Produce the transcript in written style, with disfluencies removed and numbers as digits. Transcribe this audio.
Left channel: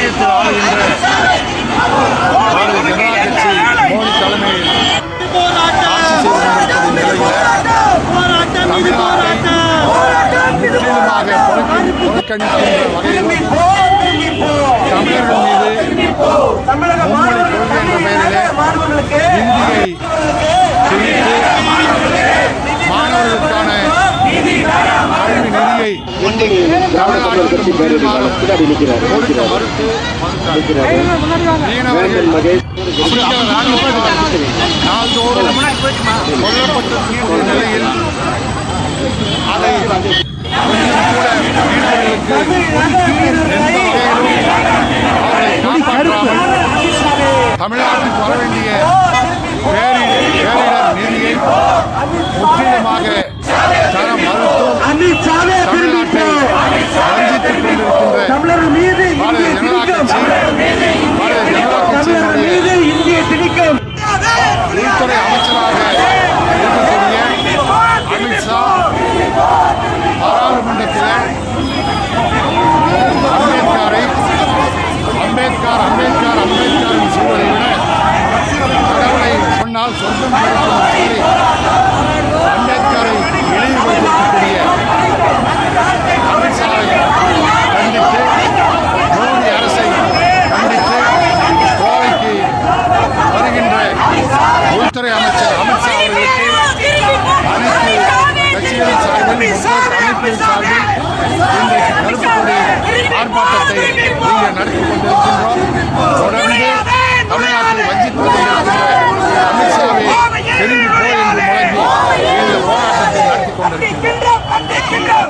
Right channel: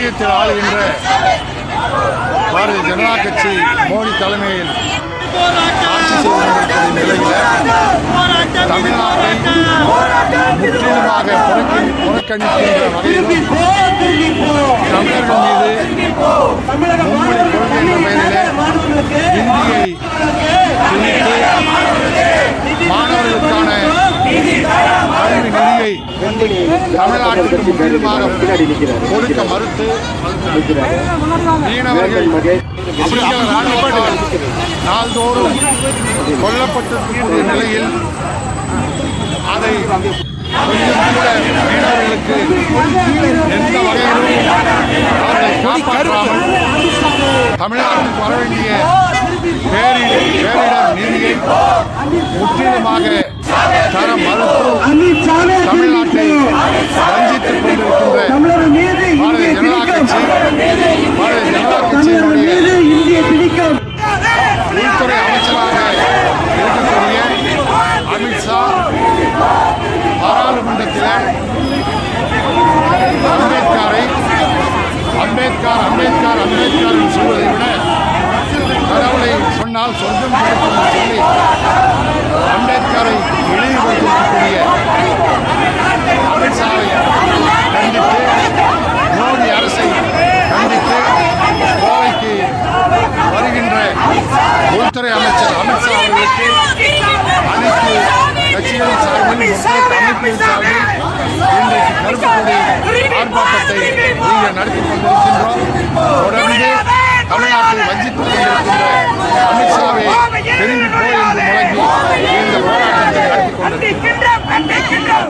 ஒன்றியத்தில் ஆளுகின்ற பாரதிய ஜனதா கட்சி மோடி தலைமையில் ஆட்சி செய்து கொண்டிருப்பது நிலையில் தமிழ்நாட்டை முற்றிலுமாக புறக்கணிக்கின்ற வகையிலும் தமிழர்கள் மீது மும்மொழி கொள்கை என்ற பெயரிலே இந்தியை திணித்து மாணவர்களுக்கான கல்வி நிதியை தமிழ்நாட்டுக்கு முற்றிலுமாக கொடுக்க மறுத்து மீனவர்கள் நாள்தோறும் கொல்லப்பட்டிருக்கக்கூடிய நிலையில் அதை கொஞ்சம் கூட மீனவர்களுக்கு எந்த வகையிலும் அவர்களை காப்பாற்றாமல் தமிழ்நாட்டுக்கு வர வேண்டிய பேரிடர் நிதியை முற்றிலுமாக தர மறுத்தும் தமிழ்நாட்டை வஞ்சித்துக் கொண்டிருக்கின்ற பாரதிய ஜனதா கட்சியினுடைய உள்துறை அமைச்சராக இருக்கக்கூடிய அமித்ஷா பாராளுமன்றத்தில் அம்பேத்கர் என்று சொல்வதை விட கடவுளை சொன்னால் சொர்க்கம் கிடைக்கும் என்று சொல்லி அம்பேத்கரை இழிவுபடுத்தியிருக்கக்கூடிய அமித்ஷாவை கண்டித்து மோடி அரசை கண்டித்து கோவைக்கு வருகின்ற உள்துறை அமைச்சர் அமித்ஷா அவர்களுக்கு அனைத்து கட்சிகளின் சார்பில் முற்போக்கு அமைப்பின் சார்பில் இன்றைக்கு கருப்பு கொடி ஆர்ப்பாட்டத்தை இங்கே நடத்திக் கொண்டிருக்கின்றோம். தொடர்ந்து தமிழ்நாட்டை வஞ்சித்துக் கொண்டிருக்கின்ற அமித்ஷாவை திரும்பி போய் என்று முழங்கி இந்த போராட்டத்தை நடத்தி கொண்டிருக்கின்றோம்.